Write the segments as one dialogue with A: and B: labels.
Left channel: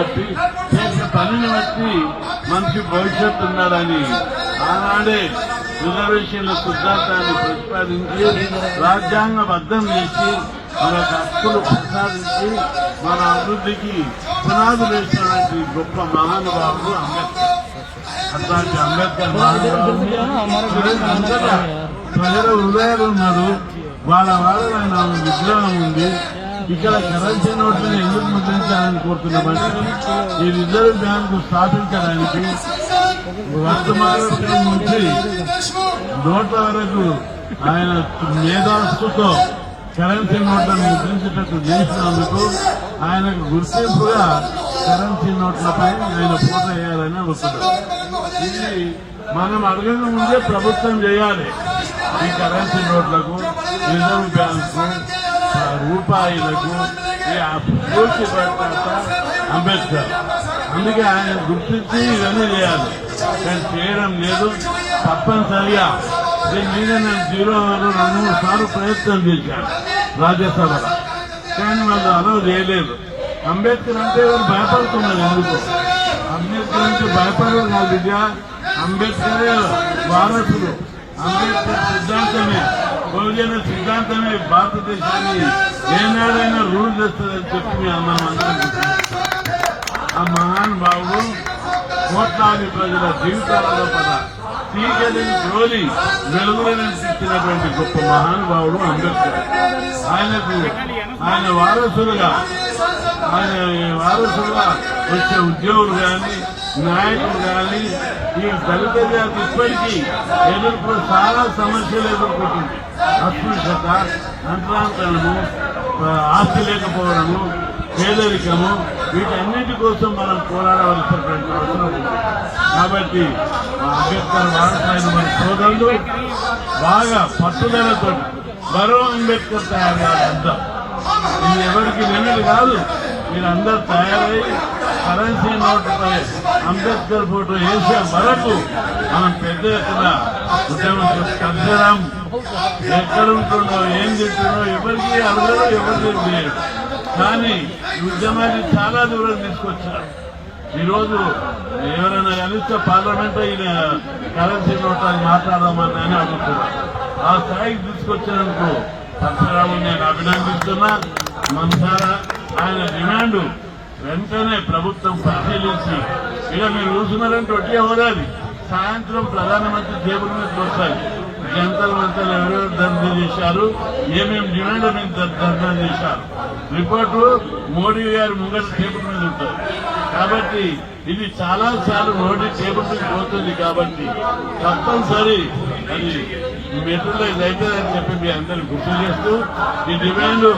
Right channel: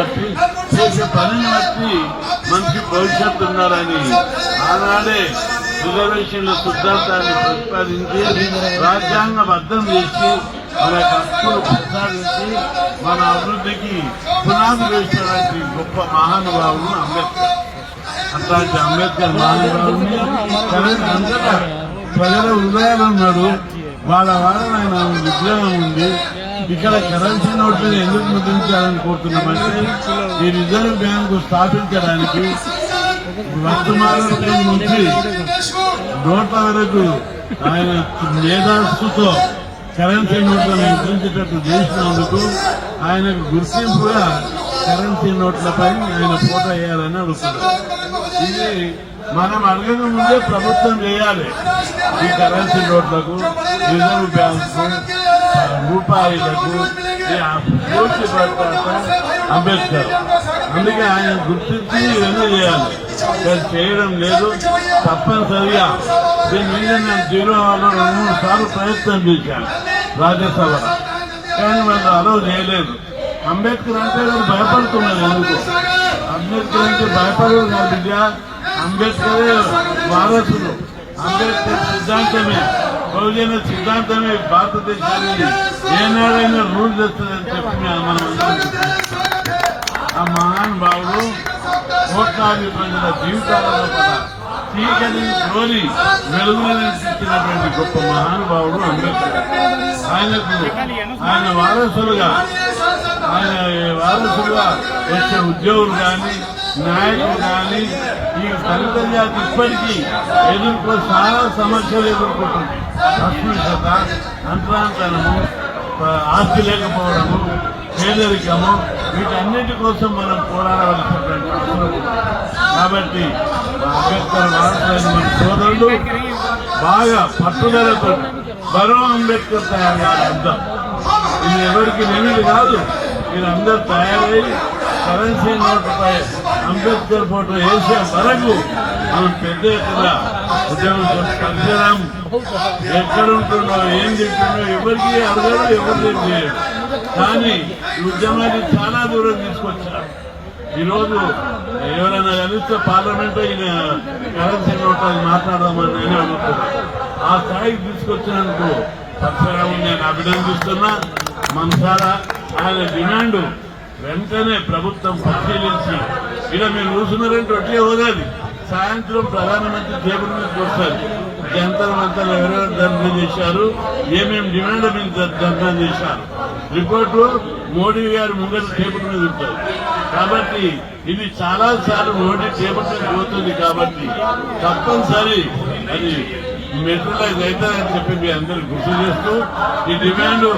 A: బట్టి చేసే పనిని బట్టి మంచి భవిష్యత్తు ఉన్నారని ఆనాడే రిజర్వేషన్ల సిద్ధాంతాన్ని ప్రతిపాదించి రాజ్యాంగ బద్దం చేసి మన హక్కులు ప్రసాదించి మన అభివృద్ధికి పునాది వేసినటువంటి గొప్ప మహానుభావులు అంబేద్కర్. అట్లాంటి అంబేద్కర్ మహానుభావుని ప్రజల హృదయాలు ఉన్నారు వాళ్ళ వాళ్ళ ఆయన విగ్రహం ఉంది. ఇక్కడ కరెన్సీ నోట్లను ఎందుకు ముద్రించాలని కోరుతున్నామంటే ఈ రిజర్వ్ బ్యాంకు స్థాపించడానికి వర్తమాన నుంచి నోట్ల వరకు ఆయన మేధాస్తుతో కరెన్సీ నోట్లను ముద్రించేటట్టు చేసినందుకు ఆయనకు గుర్తింపుగా కరెన్సీ నోట్లపై ఆయన పూట వేయాలని అడుగుతున్నారు. ఇది మనం అడగక ముందే ప్రభుత్వం చేయాలి ఈ కరెన్సీ నోట్లకు రిజర్వ్ బ్యాంకు రూపాయలకు అంబేద్కర్. అందుకే ఆయన గుర్తించి ఇవన్నీ చేయాలి. కానీ చేయడం లేదు. తప్పనిసరిగా దీని మీద నేను జీరోలో రెండు మూడు సార్లు ప్రయత్నం చేశాను. రాజ్యసభ. కానీ మనం అలవ్ చేయలేదు. అంబేద్కర్ అంటే నేను భయపడుతున్నాను ఎందుకు? అంబేద్కర్ అంటే భయపడదు నా బిడ్డ అంబేద్కర్ వారసుడు. అంబేద్కర్ సిద్ధాంతమే. బహుజన సిద్ధాంతమే భారతదేశాన్ని ఏనాడైనా రూల్ చేస్తుందని చెప్పి మీ అన్నాను ఆ మహానుభావుడు కోట్లాది ప్రజల జీవితాలలో కూడా చీకటి గొప్ప మహానుభావుడు అంబేద్కర్ ఆయనకు ఆయన వారసులుగా ఆయన వారసులుగా వచ్చే ఉద్యోగులు కానీ నాయకులు కానీ ఈ దళిత జాతి ఇప్పటికీ ఎదుర్కొ చాలా సమస్యలు ఎదుర్కొంటుంది అస్పృశ్యత అంతరాంతరము ఆస్తి లేకపోవడము పేదరికము వీటన్నిటి కోసం మనం పోరాడవలసినటువంటి కాబట్టి అంబేద్కర్ వారసులైన సోదరుడు బాగా పట్టుదలతో మరో అంబేద్కర్ తయారయ్యే అర్థం ఇది ఎవరికి వెళ్ళి కాదు మీరందరూ తయారై కరెన్సీ నోట్లపై అంబేద్కర్ ఫోటో వేసే వరకు మనం పెద్ద ఎత్తున ఉద్యమం ఎక్కడ ఎక్కడుంటున్నావు ఏం చెప్తున్నావు ఎవరికి అడగాలో ఎవరికి కానీ ఈ ఉద్యమాన్ని చాలా దూరం తీసుకొచ్చారు. ఈ రోజు ఎవరైనా కలిస్తే పార్లమెంట్ ఈయన కరెన్సీ నోట్ మాట్లాడాలని అనుకుంటున్నారు ఆ స్థాయికి తీసుకొచ్చినందుకు పరశురామని నేను అభినందిస్తున్నా మనసారా ఆయన డిమాండ్ వెంటనే ప్రభుత్వం పరిశీలించి ఇలా మీరు చూస్తున్నారంటే ఒట్టిగా పోదాది సాయంత్రం ప్రధానమంత్రి జేబుల మీద చూస్తారు జంతర్ మంత్రులు ఎవరెవరు ధర్నా చేశారు? ఏమేమి డిమాండ్ మేము ధర్నా చేశారు? రిపోర్టు మోడీ గారు ముంగట టేబుల్ మీద ఉంటారు. కాబట్టి ఇది చాలా సార్లు మోడీ టేబుల్ మీద పోతుంది కాబట్టి తప్పనిసరి అది అయితే అవుతుందని చెప్పి మీ అందరికి గుర్తు చేస్తూ ఈ డిమాండ్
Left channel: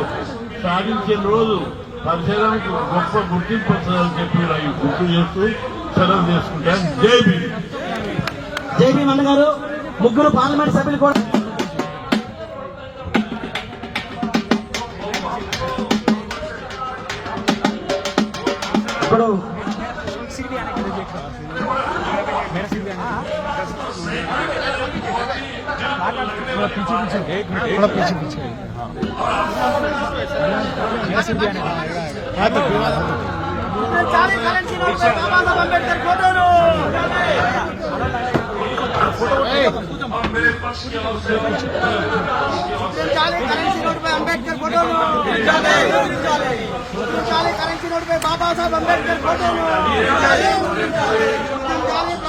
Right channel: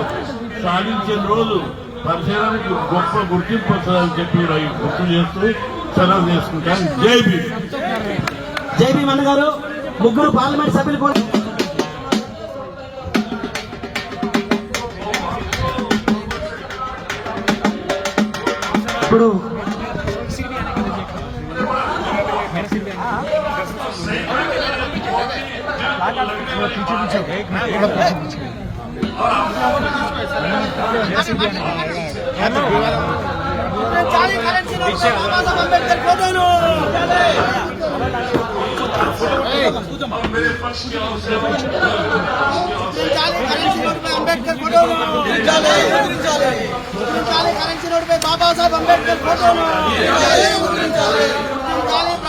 A: సాధించిన రోజు పరిశీలనకు గొప్ప గుర్తింపు వస్తుందని చెప్పి అవి గుర్తు చేస్తూ సెలవు చేసుకుంటాను. జై భీమ్.
B: జేపీ గారు ముగ్గురు పార్లమెంట్ సభ్యులు కూడా
C: ముద్రించాలి కరెన్సీ నోటుపై అంబేద్కర్ ఫోటోను ముద్రించాలి కరెన్సీ నోటుపై బాబాసాహెబ్ అంబేద్కర్ ఫోటోను ముద్రించాలి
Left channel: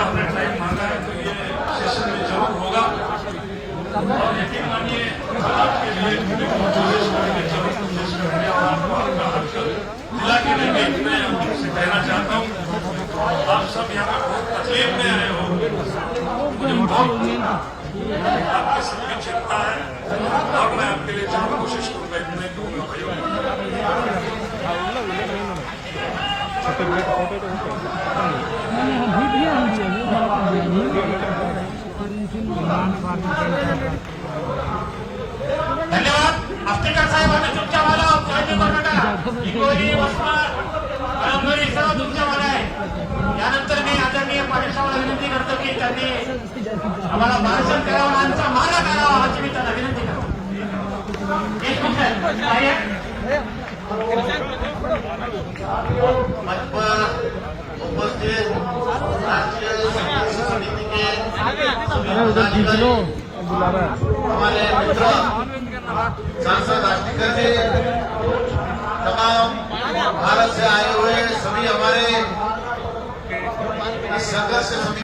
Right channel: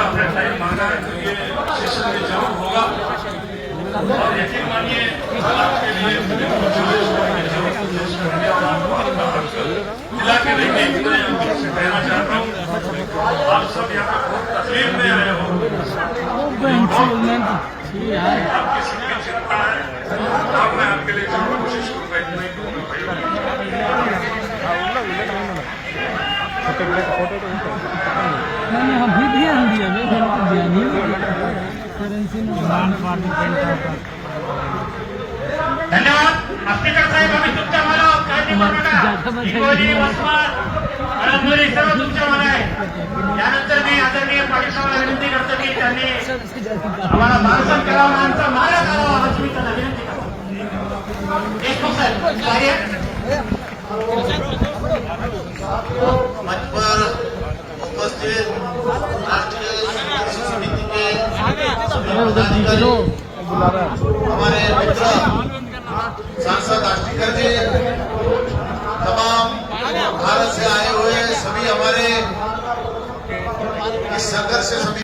C: का अपने टाइम मांगा है तो ये सेशन में ज़रूर होगा। और यकीन मानिए आपके लिए
D: मिला के रहेंगे मैं हम कहना चाहता हूँ आप सब यहाँ पर बहुत तकलीफ़ में आए हो। आपके सबकी चिंता है तो और मैं आपके लिए ज़रूर कोशिश करूँगा इतना ही कहूँगा भाई 这边的，这边的。धन्यवाद. आस्तेकर साहेब आम्ही तुमच्या मला काळजी करू नका हिंगोली वसमत कळमनुरी सर्व तुमच्या मला आहे. यानंतर मी आदरणीय पाटील साहेबांना विनंती करतो की त्यांनी आम्हाला मानसन करावं आमचा मालक करावा अशी मी त्यांना विनंती करतो. देशमुख साहेब
E: मंच पर उपस्थित राष्ट्रीय संघर्ष समिति के हमारे मित्र, सांसद आष्टीकर जी, तमाम भारत से आए हुए सभी हमारे इस संघर्ष